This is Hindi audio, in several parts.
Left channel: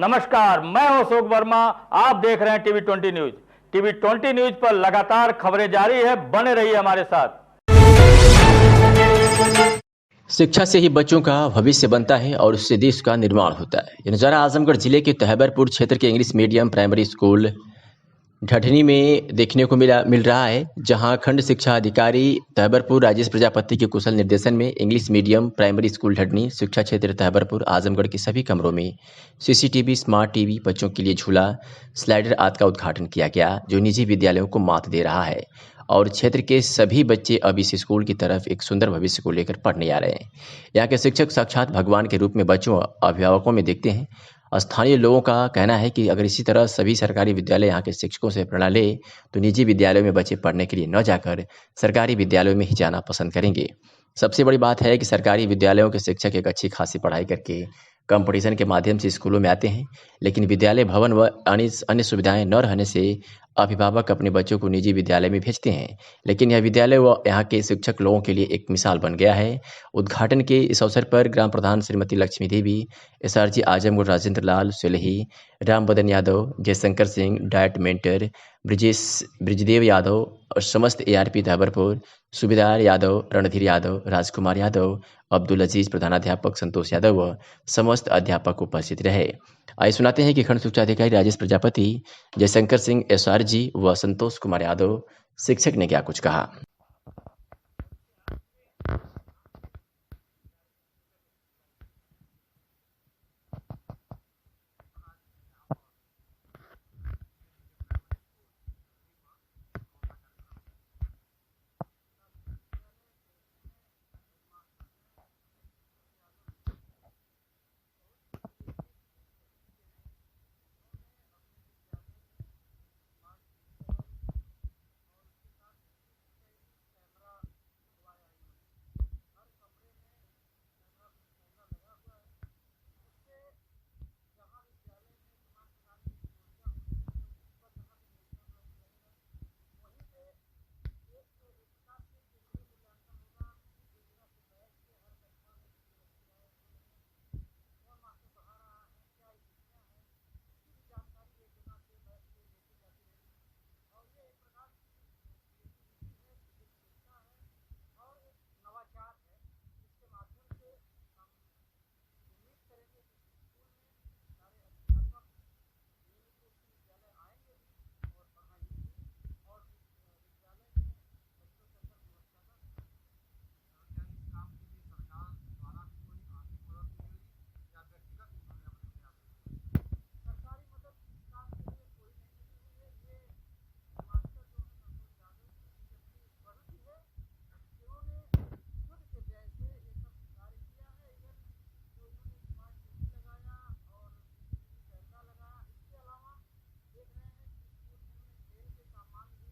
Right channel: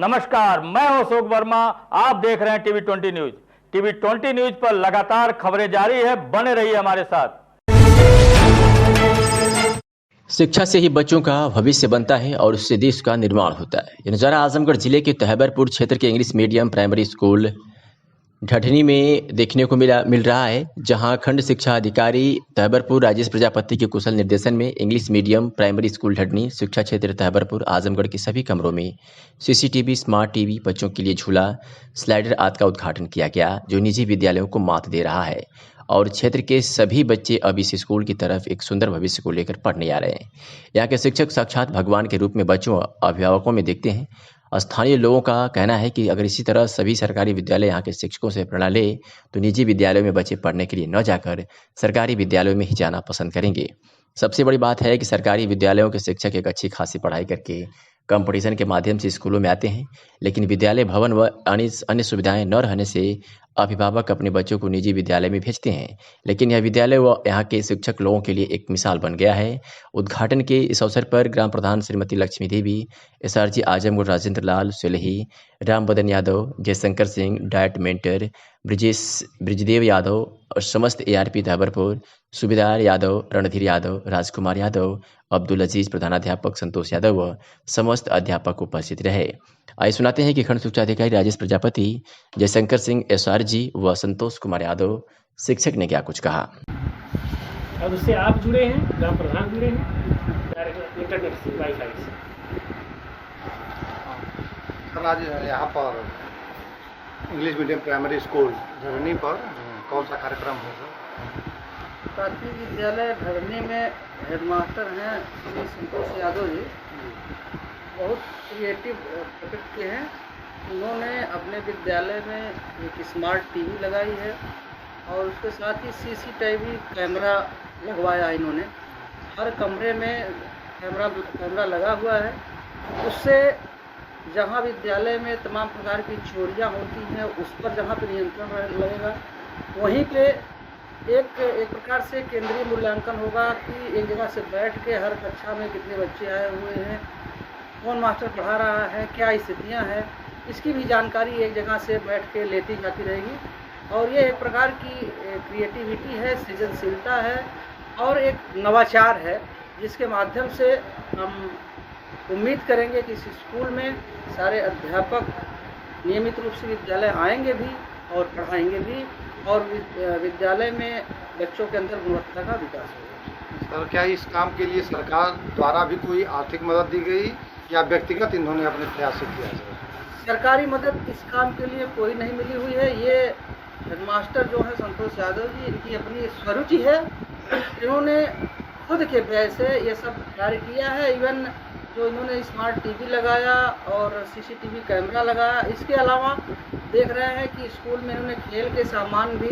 नमस्कार, मैं हूं अशोक वर्मा। आप देख रहे हैं टीवी 20 न्यूज। टीवी 20 न्यूज पर लगातार खबरें जारी है, बने रहिए हमारे साथ। शिक्षा से ही बच्चों का भविष्य बनता है और उससे देश का निर्माण होता है। ये नज़ारा आजमगढ़ जिले के तहबरपुर क्षेत्र के इंग्लिश मीडियम प्राइमरी स्कूल ढठनी में देखने को मिल रहा है, जहां खंड शिक्षा अधिकारी तहबरपुर राजेश प्रजापति के कुशल निर्देशन में इंग्लिश मीडियम प्राइमरी स्कूल ढठनी शिक्षा क्षेत्र तहबरपुर आजमगढ़ के सभी कमरों में सीसीटीवी, स्मार्ट टीवी, बच्चों के लिए झूला, स्लाइडर आदि का उद्घाटन किया गया, जो निजी विद्यालयों को मात दे रहा है और क्षेत्र के सभी बच्चे अब इस स्कूल की तरफ एक सुंदर भविष्य को लेकर पढ़ने आ रहे हैं। यहाँ के शिक्षक साक्षात भगवान के रूप में बच्चों अभिभावकों में देखते हैं। स्थानीय लोगों का कहना है कि अगर इसी तरह सभी सरकारी विद्यालय यहाँ के शिक्षकों से प्रेरणा ले तो निजी विद्यालयों में बच्चे पढ़ने के लिए न जाकर सरकारी विद्यालयों में ही जाना पसंद करेंगे। सबसे बड़ी बात है कि सरकारी विद्यालयों के शिक्षक एक अच्छी खासी पढ़ाई करके कंपटीशन के माध्यम से स्कूलों में आते हैं, लेकिन विद्यालय भवन व अन्य सुविधाएं न रहने से अभिभावक अपने बच्चों को निजी विद्यालय में भेजते हैं। लेकिन यह विद्यालय व यहाँ के शिक्षक लोगों के लिए एक मिसाल बन गया है। उद्घाटन के इस अवसर पर ग्राम प्रधान श्रीमती लक्ष्मी देवी, एसआरजी आजमगढ़ राजेंद्र लाल सुलही, राम बदन यादव, जयशंकर सिंह, डायट मेंटर ब्रिजदेव यादव और समस्त एआरपी तहबरपुर, सूबेदार यादव, रणधीर यादव, राजकुमार यादव, अब्दुल अजीज, प्रधानाध्यापक संतोष यादव व समस्त अध्यापक उपस्थित रहे। आइए सुनाते हैं कि खंड शिक्षा अधिकारी राजेश प्रजापति, जयशंकर सिंह एसआरजी व संतोष कुमार यादव शिक्षक ने क्या कुछ कहा। अब उससे आप जुड़े हैं, ग्राम प्रधान जुड़े हैं इंटरनेट से, वाईफाई से। आज यहाँ पर इंग्लिश मीडियम प्राइमरी स्कूल धरनी पर कौन सा कार्यक्रम होगा? प्राथमिक विद्यालय धरनी में हेडमास्टर हैं श्री संतोष यादव जी, बहुत क्रिएटिव प्रोजेक्ट के हैं। उन्होंने अपने विद्यालय में एक स्मार्ट टीवी लगाई है और उसके साथ ही सीसीटीवी कैमरा लगवाया इन्होंने। हर कमरे में कैमरा लगा हुआ है। उससे जहाँ विद्यालय में तमाम प्रकार की चोरियाँ होती हैं उस पर जहाँ पे नियंत्रण लगेगा, वहीं पे एक प्रकार से केंद्रीय मूल्यांकन होगा कि एक जगह से बैठ के हर कक्षा में कितने बच्चे आए हुए हैं, कौन मास्टर पढ़ा रहा है, क्या स्थितियाँ हैं, इसकी भी जानकारी एक जगह से बैठ के लेती जाती रहेगी। और ये एक प्रकार की क्रिएटिविटी है, सृजनशीलता है और एक नवाचार है, जिसके माध्यम से हम उम्मीद करेंगे कि इस स्कूल में सारे अध्यापक नियमित रूप से विद्यालय आएंगे भी और पढ़ाएंगे भी और विद्यालय में बच्चों के अंदर गुणवत्ता का विकास होगा। सर, क्या इस काम के लिए सरकार द्वारा भी कोई आर्थिक मदद दी गई या व्यक्तिगत इन्होंने अपने प्रयास से किया? सरकारी मदद इस काम के लिए कोई नहीं मिली हुई है। ये हेडमास्टर जो है संतोष यादव जी, इनकी अपनी स्वरुचि है। इन्होंने खुद के व्यय से ये सब कार्य किया है। इवन जो इन्होंने स्मार्ट टीवी लगाया और सीसीटीवी कैमरा लगाया, इसके अलावा देख रहे हैं कि स्कूल में इन्होंने खेल के सामान भी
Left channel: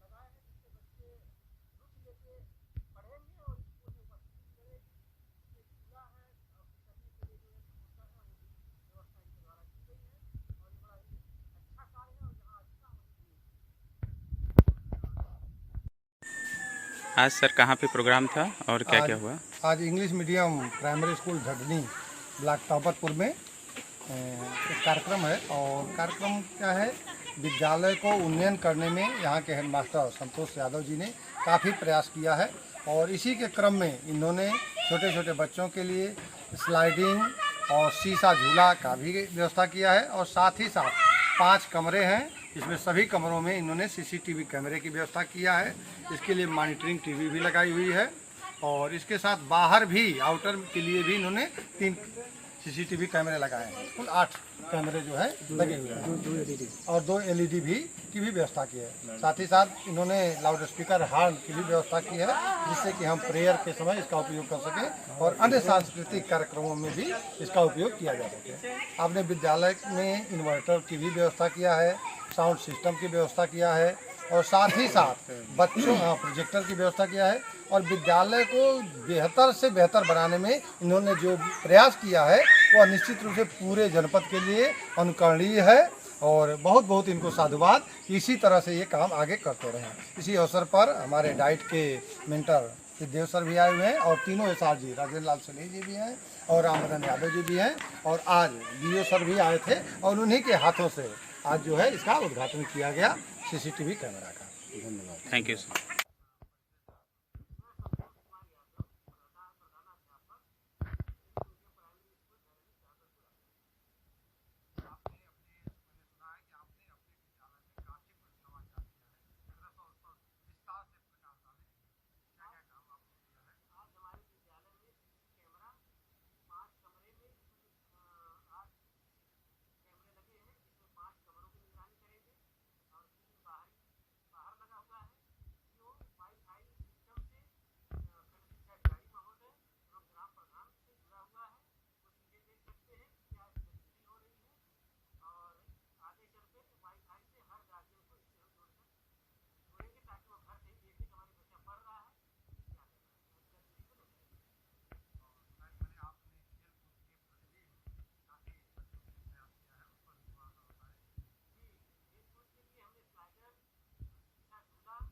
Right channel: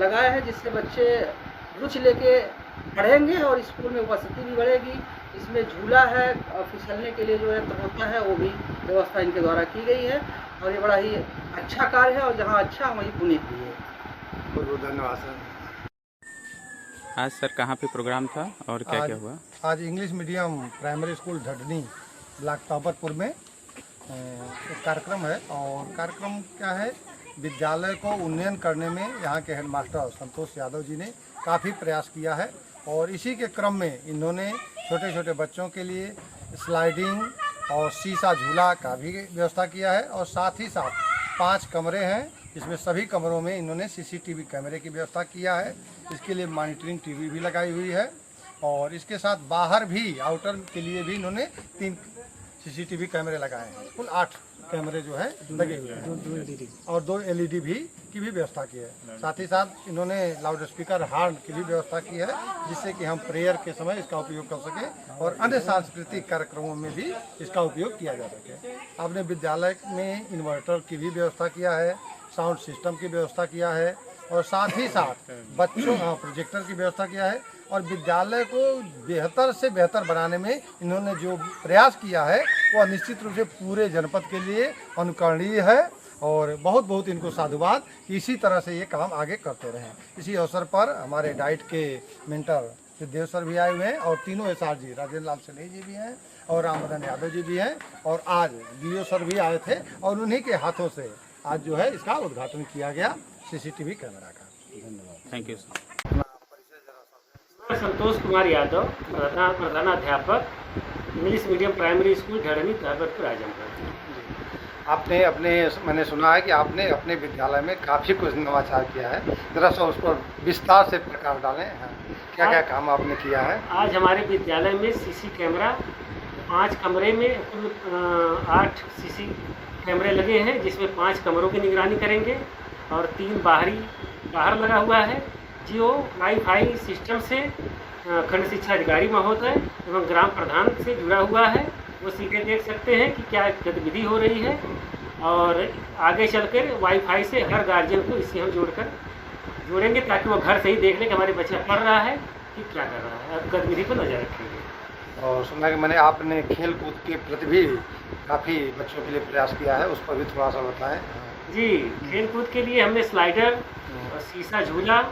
लगाए हैं, जिससे बच्चे रुचि लेके पढ़ेंगे और स्कूल में उपस्थिति भी बढ़ेगी। इसमें झूला है, फिसलने के लिए जो यंत्र होता है वो भी व्यवस्था इनके द्वारा की गई है और ये बड़ा ही अच्छा कार्य है और जहाँ अच्छा वहीं पुनीत भी है। बहुत बहुत धन्यवाद सर। आज सर कहाँ पे प्रोग्राम था और क्या क्या हुआ? आज English medium primary school Dhathni block Tahbarpur में एक कार्यक्रम है और कार्यक्रम क्या है, विद्यालय को उन्नयन करने में यहाँ के हेडमास्टर संतोष यादव जी ने काफ़ी प्रयास किया है और इसी के क्रम में इन्होंने छोटे छोटे बच्चों के लिए स्लाइडिंग और शीशा झूला का भी व्यवस्था किया है और साथ ही साथ 5 कमरे हैं, इसमें सभी कमरों में इन्होंने सीसीटीवी कैमरे की व्यवस्था किया है। इसके लिए मॉनिटरिंग टीवी भी लगाई हुई है और इसके साथ बाहर भी आउटर के लिए भी इन्होंने 3 सीसीटीवी कैमरे लगाए हैं। कुल 8 कैमरे जो है लगे हुए हैं और 2 एलईडी की भी व्यवस्था की है। साथ ही साथ इन्होंने लाउड स्पीकर हॉर्न की भी व्यवस्था की है, जिससे कि हम प्रेयर के समय इसका उपयोग कर सकें और अन्य सांस्कृतिक कार्यक्रमों में भी इसका उपयोग किया जा सके। आपने विद्यालय में इन्वर्टर की भी व्यवस्था किया है, साउंड सिस्टम की व्यवस्था किया है और साथ ही साथ बच्चों प्रोजेक्टर की व्यवस्था किया है और विद्यालय को बेहतर से बेहतर बनाने में इन्होंने जो प्रयास किया है वह निश्चित रूप से पूरे जनपद के लिए अनुकरणीय है और बहुत बहुत इनको साधुवाद। इसी तरह से ये काम आगे करते रहें। इसी अवसर पर हमारे डाइट के मेंटर सिद्धेव सर भी आए हुए हैं और तीनों एसआर जी राजेंद्र लाल सनेही जी भी हैं और रामबदन यादव जी भी हैं और आज डीओ सर भी आए थे और उन्हीं के हाथों से आज जो है इसका उद्घाटन किया गया सीसीटीवी कैमरा का। धन्यवाद। Thank you sir. मैं संतोष कुमार यादव, प्रधानाध्यापक English medium primary school Dhadni, Tahbatpur, Azamgarh. मैंने सुना है कि आपने अपने विद्यालय में काफ़ी कुछ नवाचार किया है, जरा सा उस पर विस्तार से प्रकाश डालें। क्या क्या काम आपने किया है? आज हमारे विद्यालय में सीसी कैमरा 5 कमरे में कुल 8 सीसी कैमरे लगे हैं, जिसमें 5 कमरों की निगरानी करेंगे और 3 बाहर लगा हुआ है, जो वाईफाई सिस्टम से खंड शिक्षा अधिकारी महोदय एवं ग्राम प्रधान से जुड़ा हुआ है। वो सीधे देख सकते हैं कि क्या गतिविधि हो रही है और आगे चलकर वाईफाई से हर गार्जियन को इससे हम जोड़ेंगे ताकि वो घर से ही देख लें कि हमारे बच्चा पढ़ रहा है कि क्या कर रहा है, और गतिविधि पर नजर रखेंगे। और सुना कि मैंने आपने खेल कूद के प्रति भी काफ़ी बच्चों के लिए प्रयास किया है, उस पर भी थोड़ा सा बताएं। जी, खेल कूद के लिए हमने स्लाइडर और शीशा झूला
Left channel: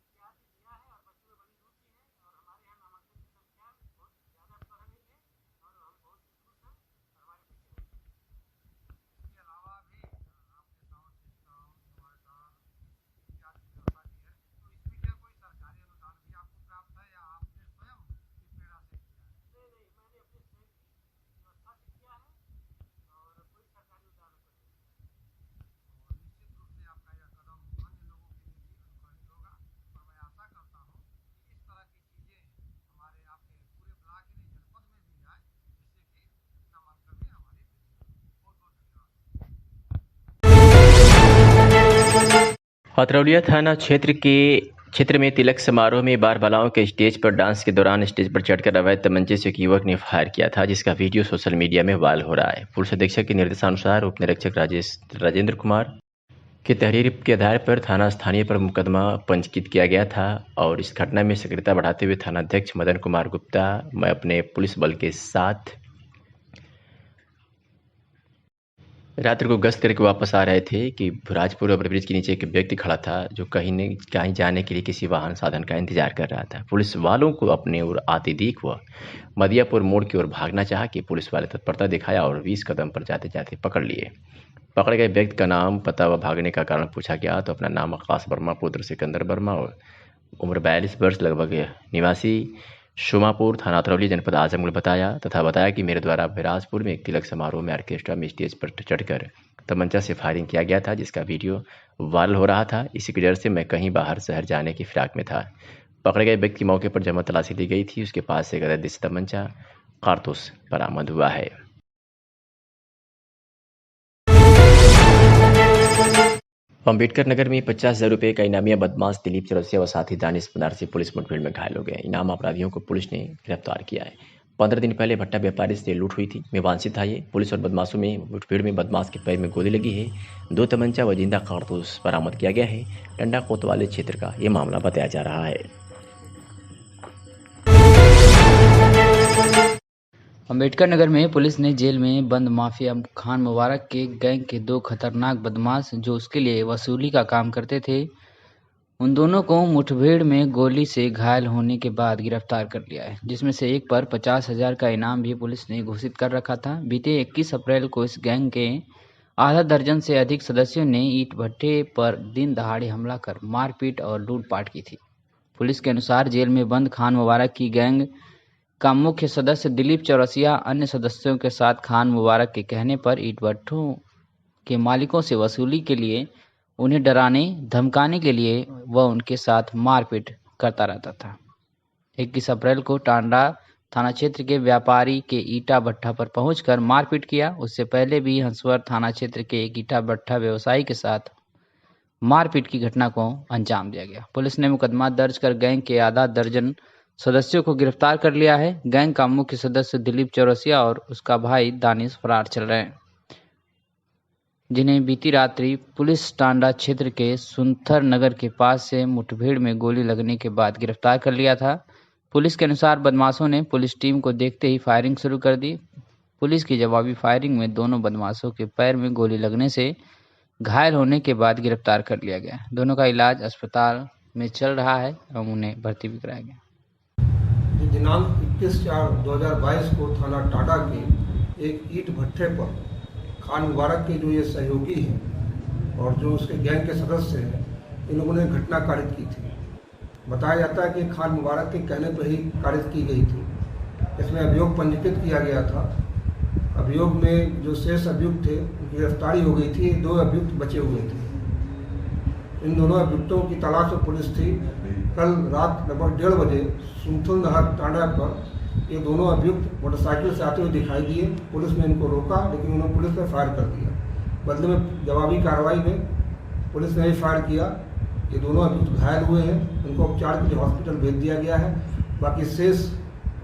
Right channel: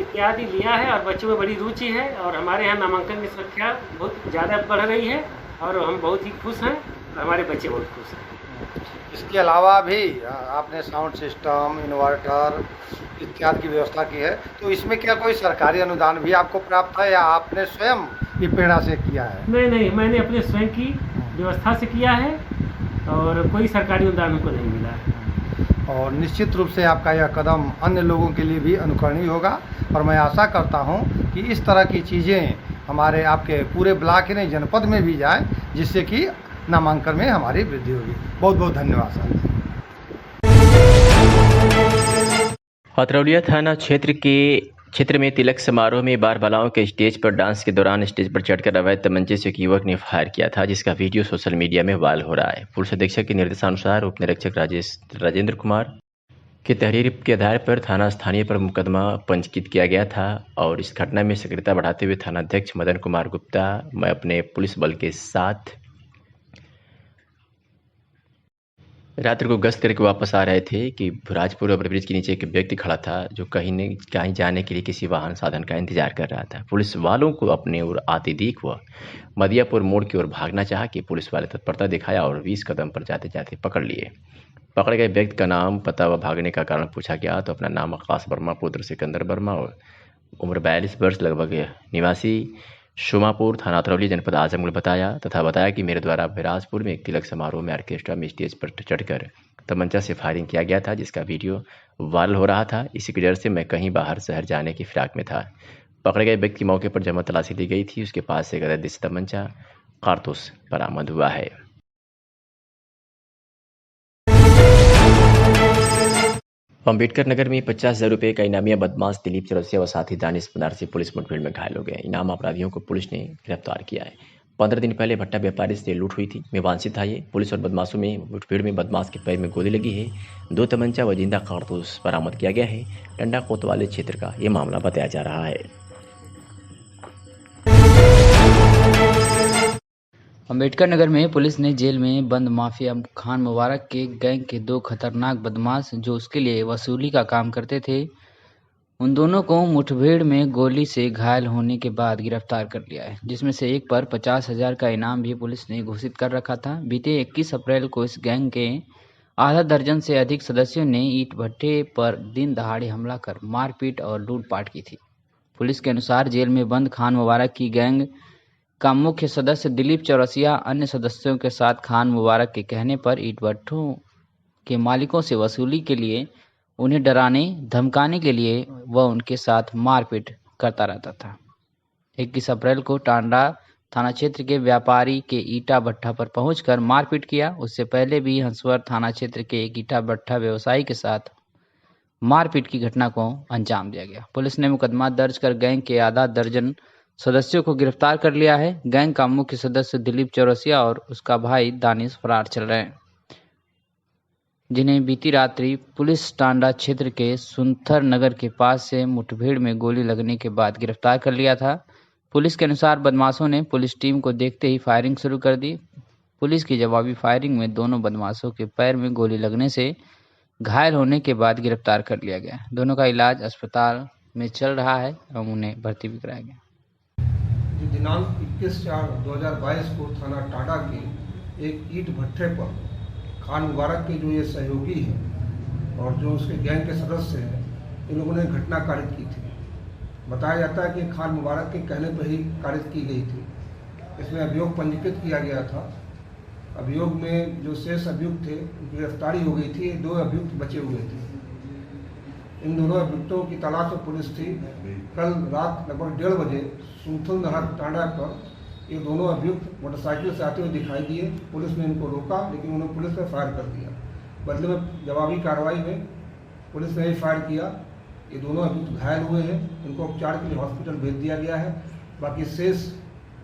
इत्यादि लिया है और बच्चों में बड़ी रुचि है और हमारे यहाँ नामांकन की संख्या बहुत ज़्यादा बढ़ रही है और हम बहुत ही खुश हैं और हमारे बच्चे बहुत खुश हैं। इसके अलावा भी आपने साउंड सिस्टम, इन्वर्टर इत्यादि की व्यवस्था की है, तो इसमें क्या कोई सरकारी अनुदान भी आपको प्राप्त है या आपने स्वयं की प्रेरणा से किया है? नहीं, मैंने अपने स्वयं की व्यवस्था से किया है और कोई सरकारी अनुदान हमको नहीं मिला है। और निश्चित रूप से आपका यह कदम अन्य लोगों के लिए भी अनुकरणीय होगा और मैं आशा करता हूं कि इस तरह की चीज़ें हमारे आपके पूरे ब्लॉक ही नहीं जनपद में भी जाए, जिससे कि नामांकन में हमारी वृद्धि होगी। बहुत बहुत धन्यवाद सर। अतरौलिया थाना क्षेत्र में तिलक समारोह में बार बालाओं के स्टेज पर डांस के दौरान स्टेज पर चढ़कर अवैध तमंचे से एक युवक ने फायर किया था, जिसका वीडियो सोशल मीडिया में वायरल हो रहा है। पुलिस अधीक्षक के निर्देशानुसार उप निरीक्षक राजेंद्र कुमार की तहरीर के आधार पर थाना स्थानीय पर मुकदमा पंजीकृत किया गया था और इस घटना में सक्रियता बढ़ाते हुए थानाध्यक्ष मदन कुमार गुप्ता मैं अपने पुलिस बल के साथ रात्रि को गश्त करके वापस आ रहे थे कि भुराजपुर ओवरब्रिज के नीचे एक व्यक्ति खड़ा था जो कहीं जाने के लिए किसी वाहन साधन का इंतजार कर रहा था। पुलिस वालों को अपने ओर आते देख वह मदियापुर मोड़ की ओर भागना चाहा कि पुलिस वाले तत्परता दिखाया और 20 कदम पर जाते जाते पकड़ लिए। पकड़े गए व्यक्ति का नाम, पता व भागने का कारण पूछा गया तो अपना नाम आकाश वर्मा पुत्र सिकंदर वर्मा और उम्र 42 वर्ष लगभग निवासी शुमापुर थाना अतरौली जनपद आजमगढ़ बताया कि मेरे द्वारा बिराजपुर में एक तिलक समारोह में ऑर्केस्ट्रा में स्टेज पर चढ़कर तमंचा से फायरिंग किया गया था, जिसका वीडियो वायरल हो रहा था। इसी की वजह से मैं कहीं बाहर शहर जाने की फिराक में था। पकड़े गए व्यक्ति की मौके पर जमा तलाशी ली गई थी। उसके पास से अवैध देसी तमंचा कारतूस बरामद हुआ है। अम्बेडकर नगर में 50,000 रुपये का इनामिया बदमाश दिलीप चौरसिया व साथी दानिश बनारसी पुलिस मुठभेड़ में घायल हो गए। इनाम अपराधियों को पुलिस ने गिरफ्तार किया है। 15 दिन पहले भट्टा व्यापारी से लूट हुई थी। मेवांशी था ये। पुलिस और बदमाशों में मुठभेड़ में बदमाश के पैर में गोली लगी है। 2 तमंचा व जिंदा कारतूस बरामद किया गया है। टंडा कोतवाली क्षेत्र का ये मामला बताया जा रहा है। अम्बेडकर नगर में पुलिस ने जेल में बंद माफिया खान मुबारक के गैंग के 2 खतरनाक बदमाश जो उसके लिए वसूली का काम करते थे, उन दोनों को मुठभेड़ में गोली से घायल होने के बाद गिरफ्तार कर लिया है, जिसमें से एक पर 50,000 का इनाम भी पुलिस ने घोषित कर रखा था। बीते 21 अप्रैल को इस गैंग के आधा दर्जन से अधिक सदस्यों ने ईंट भट्टे पर दिन दहाड़े हमला कर मारपीट और लूटपाट की थी। पुलिस के अनुसार जेल में बंद खान मुबारक की गैंग का मुख्य सदस्य दिलीप चौरसिया अन्य सदस्यों के साथ खान मुबारक के कहने पर ईंट भट्टों के मालिकों से वसूली के लिए, उन्हें डराने धमकाने के लिए वह उनके साथ मारपीट करता रहता था। 21 अप्रैल को टांडा थाना क्षेत्र के व्यापारी के ईटा भट्टा पर पहुंचकर मारपीट किया। उससे पहले भी हंसवर थाना क्षेत्र के एक ईटा भट्टा व्यवसायी के साथ मारपीट की घटना को अंजाम दिया गया। पुलिस ने मुकदमा दर्ज कर गैंग के आधा दर्जन सदस्यों को गिरफ्तार कर लिया है। गैंग का मुख्य सदस्य दिलीप चौरसिया और उसका भाई दानिश फरार चल रहे हैं, जिन्हें बीती रात्रि पुलिस टांडा क्षेत्र के सुंथर नगर के पास से मुठभेड़ में गोली लगने के बाद गिरफ्तार कर लिया था। पुलिस के अनुसार बदमाशों ने पुलिस टीम को देखते ही फायरिंग शुरू कर दी। पुलिस की जवाबी फायरिंग में दोनों बदमाशों के पैर में गोली लगने से घायल होने के बाद गिरफ्तार कर लिया गया। दोनों का इलाज अस्पताल में चल रहा है एवं उन्हें भर्ती भी कराया गया। दिनांक 21/4/2022 को थाना टाटा के एक ईंट भट्ठे पर खान मुबारक के जो ये सहयोगी हैं और जो उसके गैंग के सदस्य हैं, इन लोगों ने घटना कारित की थी। बताया जाता है कि खान मुबारक के कहने पर ही कारित की गई थी। इसमें अभियोग पंजीकृत किया गया था। अभियोग में जो शेष अभियुक्त थे उनकी गिरफ्तारी हो गई थी। 2 अभियुक्त बचे हुए थे। इन दोनों अभियुक्तों की तलाश में पुलिस थी। कल रात लगभग 1:30 बजे सुंथल नहर टांडा पर ये दोनों अभियुक्त मोटरसाइकिल से आते हुए दिखाई दिए। पुलिस ने इनको रोका, लेकिन उन्होंने पुलिस पर फायर कर दिया। बदले में जवाबी कार्रवाई में पुलिस ने भी फायर किया। ये दोनों अभियुक्त घायल हुए हैं। इनको उपचार के लिए हॉस्पिटल भेज दिया गया है। बाकी शेष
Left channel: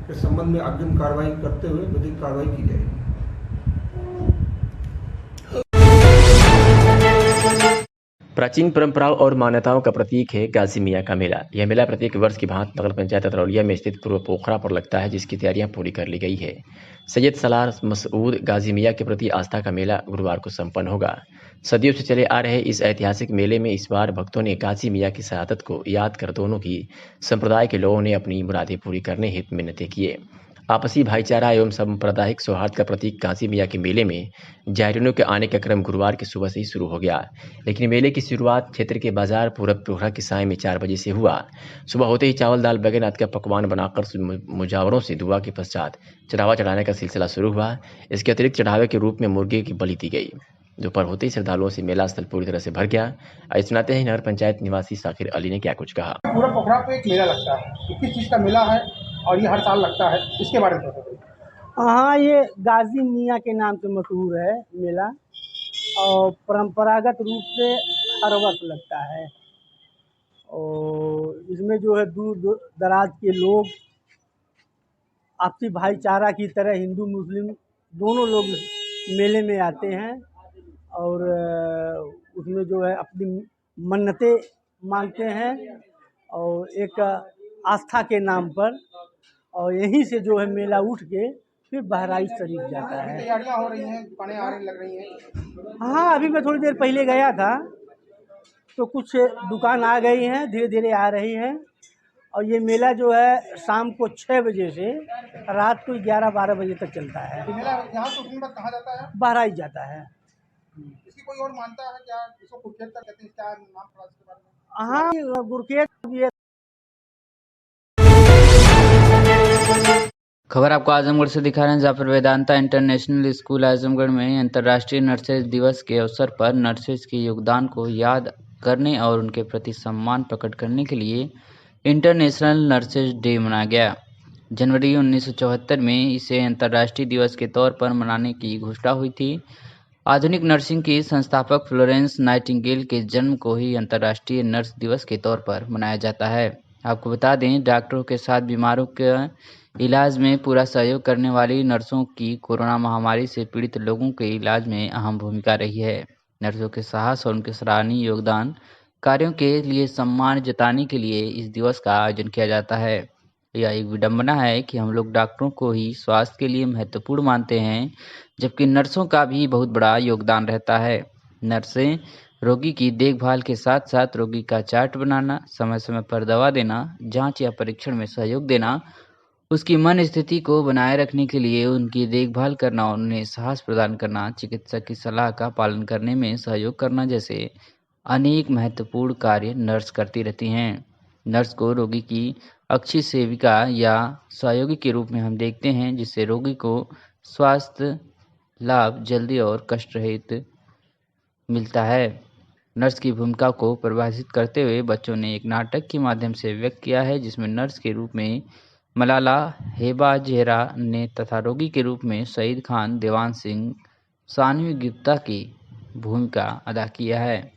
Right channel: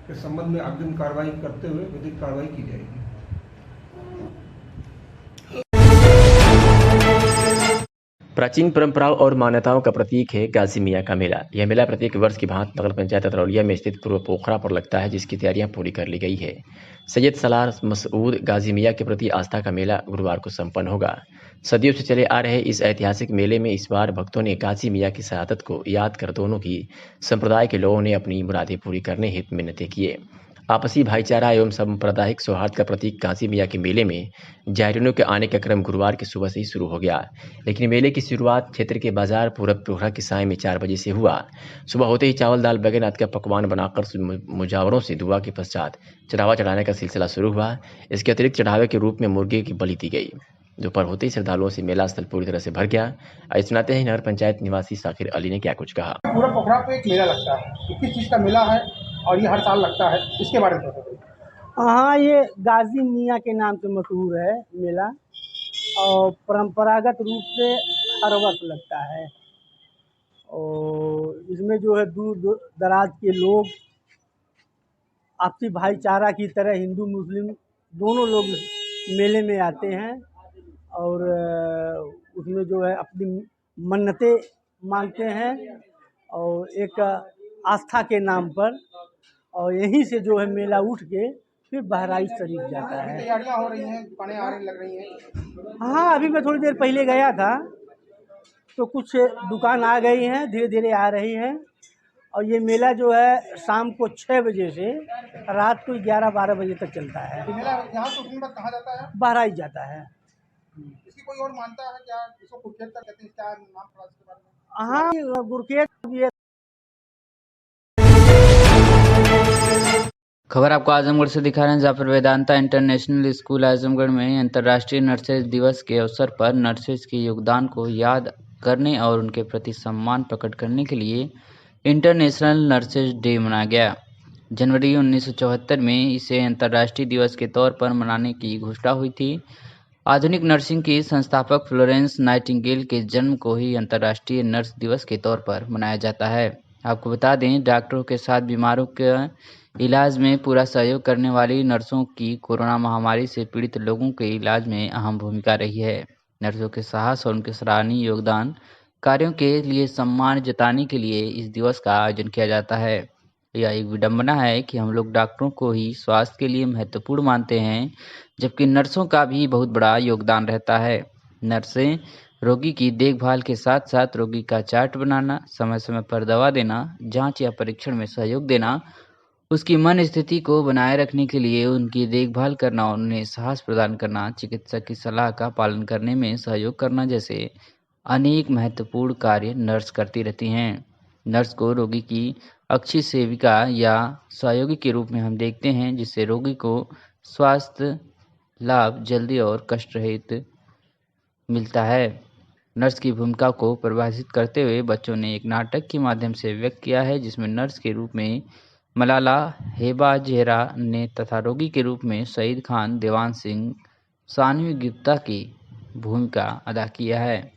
के संबंध में अग्रिम कार्रवाई करते हुए विधिक कार्रवाई की जाएगी। प्राचीन परंपराओं और मान्यताओं का प्रतीक है गाजी मियाँ का मेला। यह मेला प्रत्येक वर्ष की भांति नगर पंचायत अतरौलिया में स्थित पूर्व पोखरा पर लगता है, जिसकी तैयारियां पूरी कर ली गई है। सैयद सलार मसूद गाजी मियाँ के प्रति आस्था का मेला गुरुवार को संपन्न होगा। सदियों से चले आ रहे इस ऐतिहासिक मेले में इस बार भक्तों ने गाजी मियाँ की शहादत को याद कर दोनों की संप्रदाय के लोगों ने अपनी मुरादें पूरी करने हेतु मिन्नतें किए। आपसी भाईचारा एवं सांप्रदायिक सौहार्द का प्रतीक गाजी मियाँ के मेले में जायरीनों के आने का क्रम गुरुवार की सुबह से ही शुरू हो गया। लेकिन मेले की शुरुआत क्षेत्र के बाजार पूरब पोखरा के साय में 4 बजे से हुआ। सुबह होते ही चावल दाल बैगन आदि का पकवान बनाकर मुजावरों से दुआ के पश्चात चढ़ावा चढ़ाने का सिलसिला शुरू हुआ। इसके अतिरिक्त चढ़ावे के रूप में मुर्गे की बलि दी गई। दोपहर होते ही श्रद्धालुओं से मेला स्थल पूरी तरह से भर गया। आइए सुनाते हैं नगर पंचायत निवासी साकिर अली ने क्या कुछ कहा। पूरा पोखरा पे एक मेला लगता है। 21 चीज़ का मेला है और ये हर साल लगता है। इसके बारे में बताइए। हाँ, ये गाजी मियाँ के नाम से मशहूर है मेला और परंपरागत रूप से हर वक्त लगता है। और इसमें जो है दूर दराज के लोग आपसी भाईचारा की तरह हिंदू मुस्लिम दोनों लोग मेले में आते हैं और उसमें जो है अपनी मन्नतें मांगते हैं और एक आस्था के नाम पर, और यहीं से जो है मेला उठ के फिर बहराइच शरीफ जाता है। तैयारियां हो रही हैं, दुकानें आ रही लग रही हैं। हाँ, अभी मैं थोड़ी देर पहले गया था तो कुछ दुकान आ गई हैं, धीरे धीरे आ रही हैं। और ये मेला जो है शाम को 6 बजे से रात को 11-12 बजे तक चलता है। मेला यहाँ से उठने बाद कहाँ जाता है? बहराइच जाता है। इसकी कोई और मानता है क्या? इसको गुरखेत का कहते हैं, क्या नाम थोड़ा इसके बारे में? हाँ, गुरखेत ये खबर आपको आजमगढ़ से दिखा रहे हैं, जहाँ पर वेदांता इंटरनेशनल स्कूल आजमगढ़ में अंतर्राष्ट्रीय नर्सेज दिवस के अवसर पर नर्सेज के योगदान को याद करने और उनके प्रति सम्मान प्रकट करने के लिए इंटरनेशनल नर्सेज डे मनाया गया। जनवरी 1974 में इसे अंतर्राष्ट्रीय दिवस के तौर पर मनाने की घोषणा हुई थी। आधुनिक नर्सिंग की संस्थापक फ्लोरेंस नाइटिंगेल के जन्म को ही अंतर्राष्ट्रीय नर्स दिवस के तौर पर मनाया जाता है। आपको बता दें, डॉक्टरों के साथ बीमारों के इलाज में पूरा सहयोग करने वाली नर्सों की कोरोना महामारी से पीड़ित लोगों के इलाज में अहम भूमिका रही है। नर्सों के साहस और उनके सराहनीय योगदान कार्यों के लिए सम्मान जताने के लिए इस दिवस का आयोजन किया जाता है। यह एक विडंबना है कि हम लोग डॉक्टरों को ही स्वास्थ्य के लिए महत्वपूर्ण मानते हैं, जबकि नर्सों का भी बहुत बड़ा योगदान रहता है। नर्सें रोगी की देखभाल के साथ साथ रोगी का चार्ट बनाना, समय समय पर दवा देना, जांच या परीक्षण में सहयोग देना, उसकी मन स्थिति को बनाए रखने के लिए उनकी देखभाल करना और उन्हें साहस प्रदान करना, चिकित्सक की सलाह का पालन करने में सहयोग करना जैसे अनेक महत्वपूर्ण कार्य नर्स करती रहती हैं। नर्स को रोगी की अच्छी सेविका या सहयोगी के रूप में हम देखते हैं, जिससे रोगी को स्वास्थ्य लाभ जल्दी और कष्ट रहित मिलता है। नर्स की भूमिका को परिभाषित करते हुए बच्चों ने एक नाटक के माध्यम से व्यक्त किया है, जिसमें नर्स के रूप में मलाला हेबा जेहरा ने तथा रोगी के रूप में सईद खान, देवान सिंह, सानवी गुप्ता की भूमिका अदा किया है,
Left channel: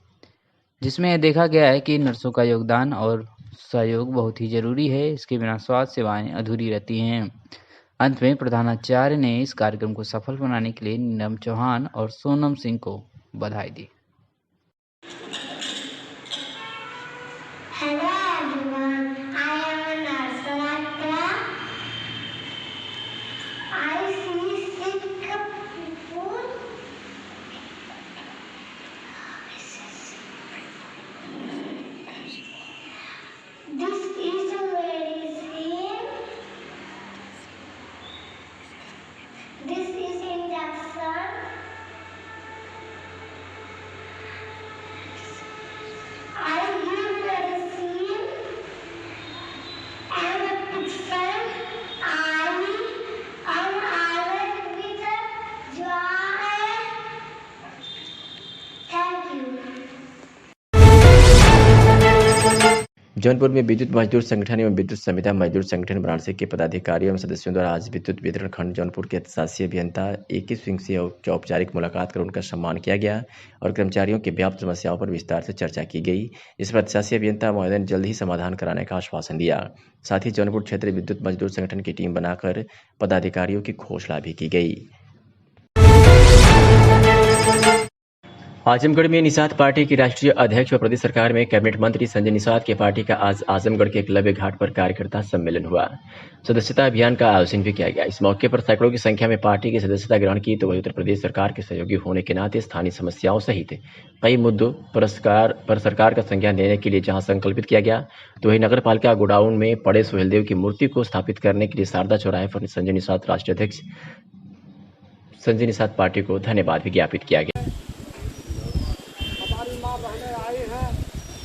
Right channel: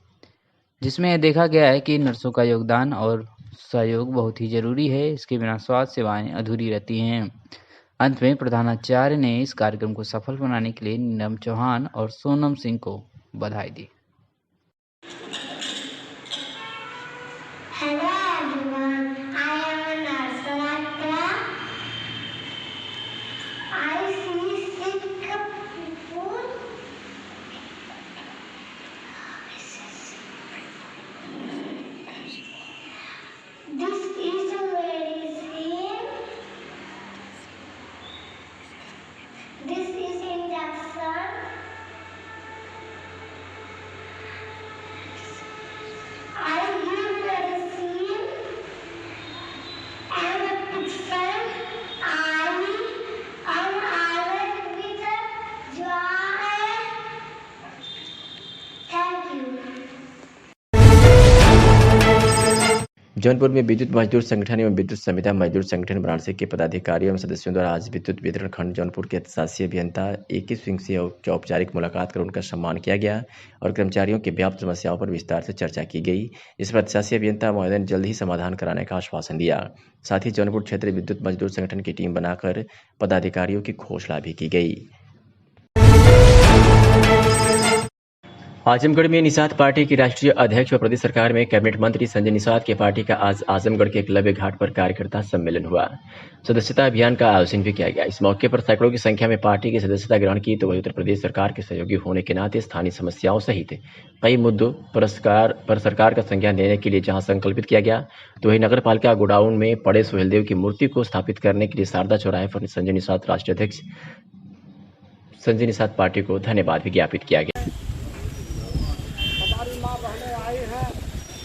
जिसमें देखा गया है कि नर्सों का योगदान और सहयोग बहुत ही जरूरी है। इसके बिना स्वास्थ्य सेवाएं अधूरी रहती हैं। अंत में प्रधानाचार्य ने इस कार्यक्रम को सफल बनाने के लिए नीलम चौहान और सोनम सिंह को बधाई दी। जौनपुर में विद्युत मजदूर संगठन एवं विद्युत संविदा मजदूर संगठन वाराणसी के पदाधिकारियों एवं सदस्यों द्वारा आज विद्युत वितरण खंड जौनपुर के शासी अभियंता ए.के. सिंह से औपचारिक मुलाकात कर उनका सम्मान किया गया और कर्मचारियों की व्याप्त समस्याओं पर विस्तार से चर्चा की गई। इस पर शासी अभियंता महोदय ने जल्द ही समाधान कराने का आश्वासन दिया। साथ ही जौनपुर क्षेत्र विद्युत मजदूर संगठन की टीम बनाकर पदाधिकारियों की घोषणा भी की गई। आजमगढ़ में निषाद पार्टी की राष्ट्रीय अध्यक्ष व प्रदेश सरकार में कैबिनेट मंत्री संजय निषाद के पार्टी का आज आजमगढ़ के एकलव्य घाट पर कार्यकर्ता सम्मेलन हुआ। सदस्यता अभियान का आयोजन भी किया गया। इस मौके पर सैकड़ों की संख्या में पार्टी की सदस्यता ग्रहण की तो वही उत्तर प्रदेश सरकार के सहयोगी होने के नाते स्थानीय समस्याओं सहित कई मुद्दों पर सरकार का संज्ञान लेने के लिए जहां संकल्पित किया गया तो वही नगर पालिका गोडाउन में पड़े सोहेलदेव की मूर्ति को स्थापित करने के लिए शारदा चौराहे पर संजय निषाद राष्ट्रीय अध्यक्ष संजय निषाद पार्टी को धन्यवाद भी ज्ञापित किया गया।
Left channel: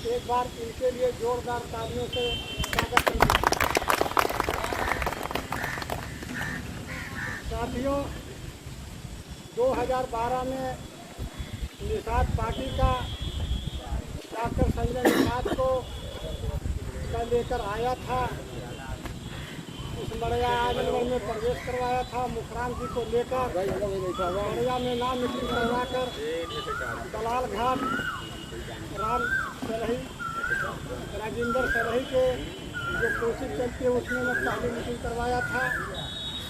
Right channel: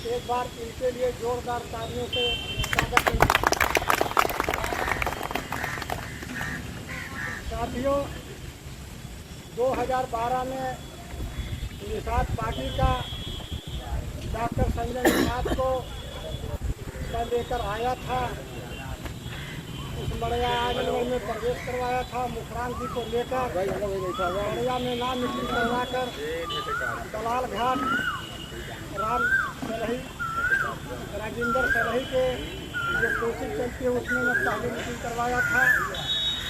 एक बार इनके लिए जोरदार तालियों से स्वागत करें। साथियों, 2012 में निषाद पार्टी का डॉक्टर संजय निषाद को लेकर आया था। उस बड़िया आजमगढ़ में प्रवेश करवाया था। मुखरान जी को लेकर बड़िया में नाम मिट्टी करवाकर दलाल घाट राम सरही राजेंद्र सरही के जो कोशिश चलती है उसमें मैं पहले मीटिंग करवाया था।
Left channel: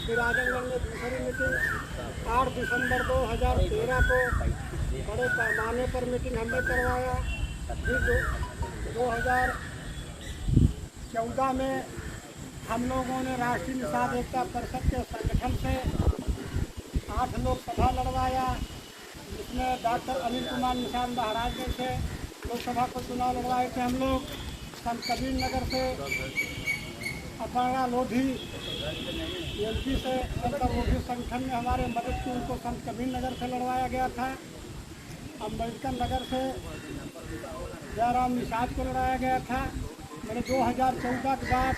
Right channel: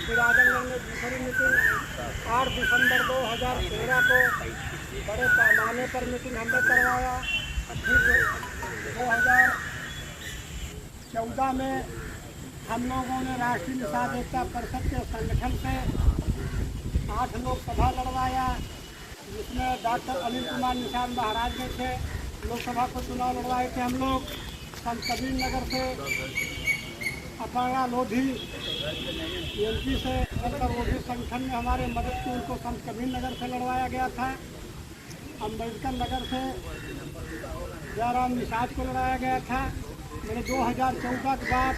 फिर आजमगढ़ में दूसरी मीटिंग 8 दिसंबर 2013 को बड़े पैमाने पर मीटिंग हमने करवाया। फिर 2014 में हम लोगों ने राष्ट्रीय निषाद एकता परिषद के संगठन से 8 लोकसभा लड़वाया, जिसमें डॉक्टर अनिल कुमार निषाद महाराजगंज से लोकसभा को चुनाव लड़वाए थे। हम लोग संत कबीर नगर से अपर्णा लोधी एमपी से लोधी संगठन में हमारे मदद की उनको संत कबीर नगर से लड़वाया गया था। अम्बेडकर नगर से जयराम निषाद को लड़ाया गया था। मैंने 2014 के बाद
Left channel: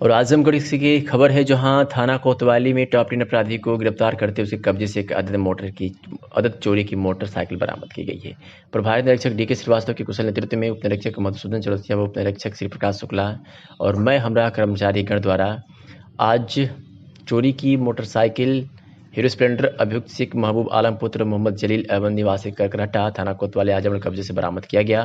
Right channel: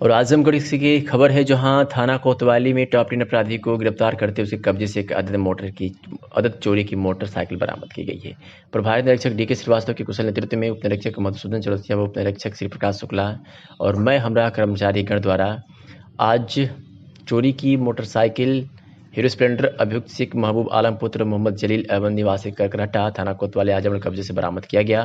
और आजमगढ़ की खबर है जहां थाना कोतवाली में टॉप 10 अपराधी को गिरफ्तार करते उसके कब्जे से एक अदद चोरी की मोटरसाइकिल बरामद की गई है। प्रभारी निरीक्षक डी.के. श्रीवास्तव के कुशल नेतृत्व में उप निरीक्षक मधुसूदन चौरसिया व उप निरीक्षक श्री प्रकाश शुक्ला और मैं हमरा कर्मचारी गण द्वारा आज चोरी की मोटरसाइकिल हीरो स्प्लेंडर अभियुक्त सिख महबूब आलम पुत्र मोहम्मद जलील एवं निवासी करकरहट्टा थाना कोतवाली आजमगढ़ कब्जे से बरामद किया गया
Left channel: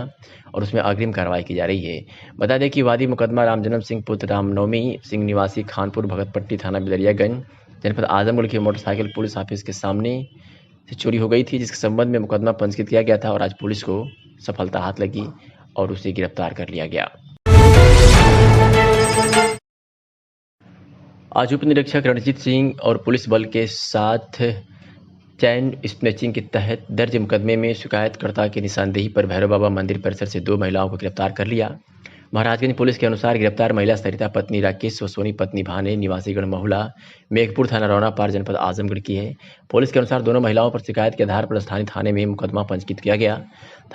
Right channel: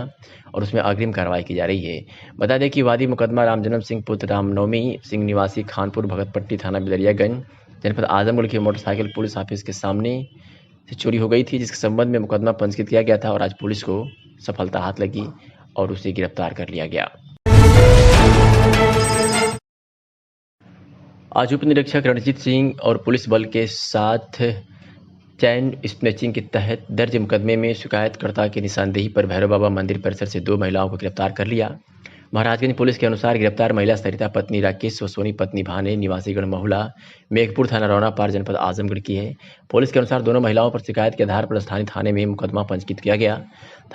और उसमें अग्रिम कार्रवाई की जा रही है। बता दें कि वादी मुकदमा रामजन्म सिंह पुत्र रामनवमी सिंह निवासी खानपुर भगतपट्टी थाना बिलरियागंज जनपद आजमगढ़ की मोटरसाइकिल पुलिस ऑफिस के सामने से चोरी हो गई थी, जिसके संबंध में मुकदमा पंजीकृत किया गया था और आज पुलिस को सफलता हाथ लगी और उसे गिरफ्तार कर लिया गया। आज उप निरीक्षक रणजीत सिंह और पुलिस बल के साथ चैन स्नैचिंग के तहत दर्ज मुकदमे में शिकायतकर्ता की निशानदेही पर भैरव बाबा मंदिर परिसर से 2 महिलाओं को गिरफ्तार कर लिया। महाराजगंज पुलिस के अनुसार गिरफ्तार महिला सरिता पत्नी राकेश व सोनी पत्नी भाने निवासीगढ़ महुला मेघपुर थाना रौना पार जनपद आजमगढ़ की है। पुलिस के अनुसार दोनों महिलाओं पर शिकायत के आधार पर स्थानीय थाने में मुकदमा पंजीकृत किया गया।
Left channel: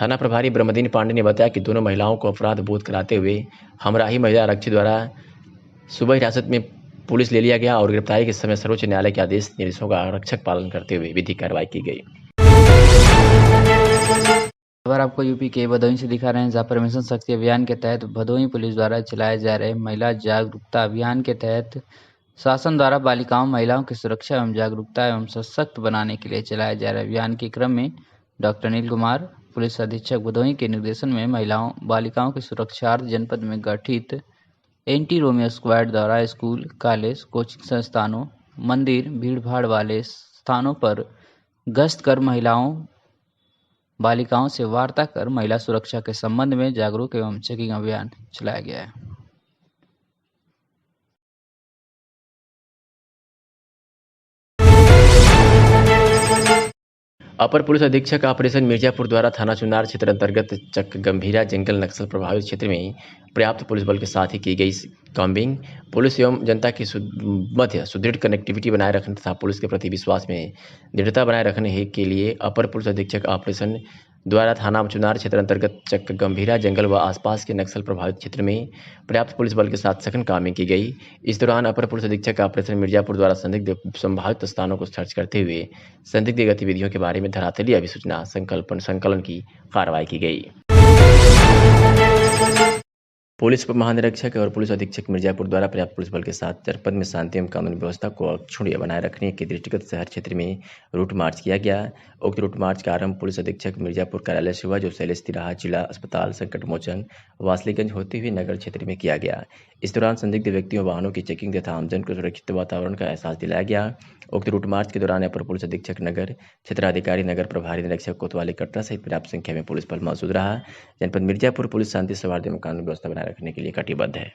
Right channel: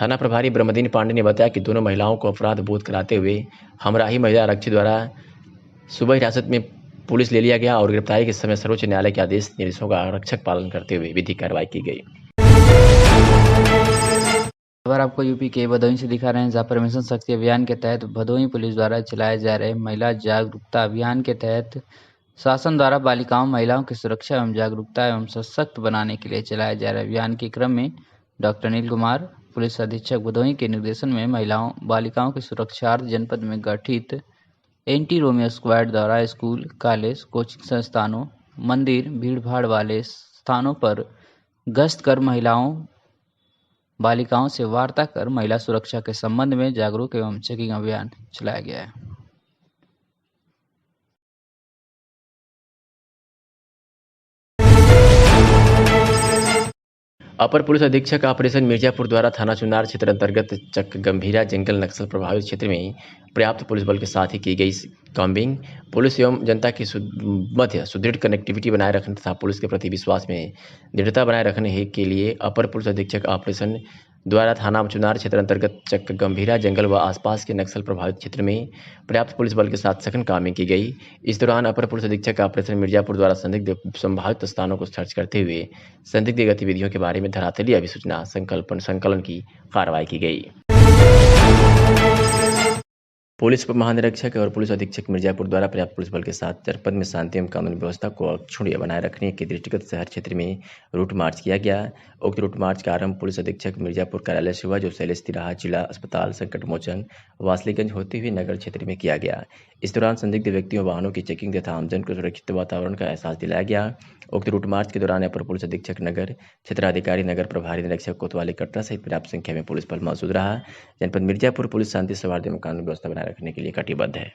थाना प्रभारी ब्रह्मदीन पांडे ने बताया कि दोनों महिलाओं को अपराध बोध कराते हुए हमराही महिला आरक्षी द्वारा सुबह हिरासत में पुलिस ले लिया गया और गिरफ्तारी के समय सर्वोच्च न्यायालय के आदेश निर्देशों का आरक्षक पालन करते हुए विधिक कार्रवाई की गई। खबर आपको यूपी के भदोही से दिखा रहे हैं, जहाँ पर मिशन शक्ति अभियान के तहत भदोही पुलिस द्वारा चलाए जा रहे महिला जागरूकता अभियान के तहत शासन द्वारा बालिकाओं महिलाओं की सुरक्षा एवं जागरूकता एवं सशक्त बनाने के लिए चलाए जा रहे अभियान के क्रम में डॉक्टर अनिल कुमार पुलिस अधीक्षक भदोही के निर्देशन में महिलाओं बालिकाओं की सुरक्षार्थ जनपद में गठित एंटी रोमियो स्क्वाड द्वारा स्कूल, कॉलेज, कोचिंग संस्थानों, मंदिर, भीड़-भाड़ वाले स्थानों पर गश्त कर महिलाओं बालिकाओं से वार्ता कर महिला सुरक्षा के संबंध में जागरूक एवं चेकिंग अभियान चलाया गया है। अपर पुलिस अधीक्षक ऑपरेशन मिर्जापुर द्वारा थाना चुनार क्षेत्र अंतर्गत चक गंभीरा जंगल नक्सल प्रभावित क्षेत्र में पर्याप्त पुलिस बल के साथ ही की गई कॉम्बिंग पुलिस एवं जनता की मध्य सुदृढ़ कनेक्टिविटी बनाए रखने तथा पुलिस के प्रति विश्वास में दृढ़ता बनाए रखने के लिए अपर पुलिस अधीक्षक ऑपरेशन द्वारा थाना चुनार क्षेत्र अंतर्गत चक गंभीरा जंगल व आसपास के नक्सल प्रभावित क्षेत्र में पर्याप्त पुलिस बल के साथ सघन कामिंग की गई। इस दौरान अपर पुलिस अधीक्षक ऑपरेशन मिर्जापुर द्वारा संदिग्ध संभावित स्थानों को सर्च करते हुए संदिग्ध गतिविधियों के बारे में धरातलीय अभिसूचना संकलन की कार्रवाई की गई। पुलिस उप महानिरीक्षक और पुलिस अधीक्षक मिर्जापुर द्वारा पर्याप्त पुलिस बल के साथ जनपद में शांति एवं कानून व्यवस्था को अक्षुण्ण बनाए रखने के दृष्टिगत शहर क्षेत्र में रूट मार्च किया गया। उक्त रूट मार्च का आरंभ पुलिस अधीक्षक मिर्जापुर कार्यालय से हुआ, जो शैलेश तिराहा जिला अस्पताल संकट मोचन वासलीगंज होते हुए नगर क्षेत्र में किया गया। इस दौरान संदिग्ध व्यक्तियों वाहनों की चेकिंग तथा आमजन को सुरक्षित वातावरण का एहसास दिलाया गया। उक्त रूट मार्च के दौरान अपर पुलिस अधीक्षक नगर, क्षेत्राधिकारी नगर प्रभारी निरीक्षक कोतवाली कट्टा सहित पर्याप्त संख्या में पुलिस बल मौजूद रहा। जनपद मिर्जापुर पुलिस शांति सौहार्द एवं कानून व्यवस्था बनाए रखने के लिए कटिबद्ध है।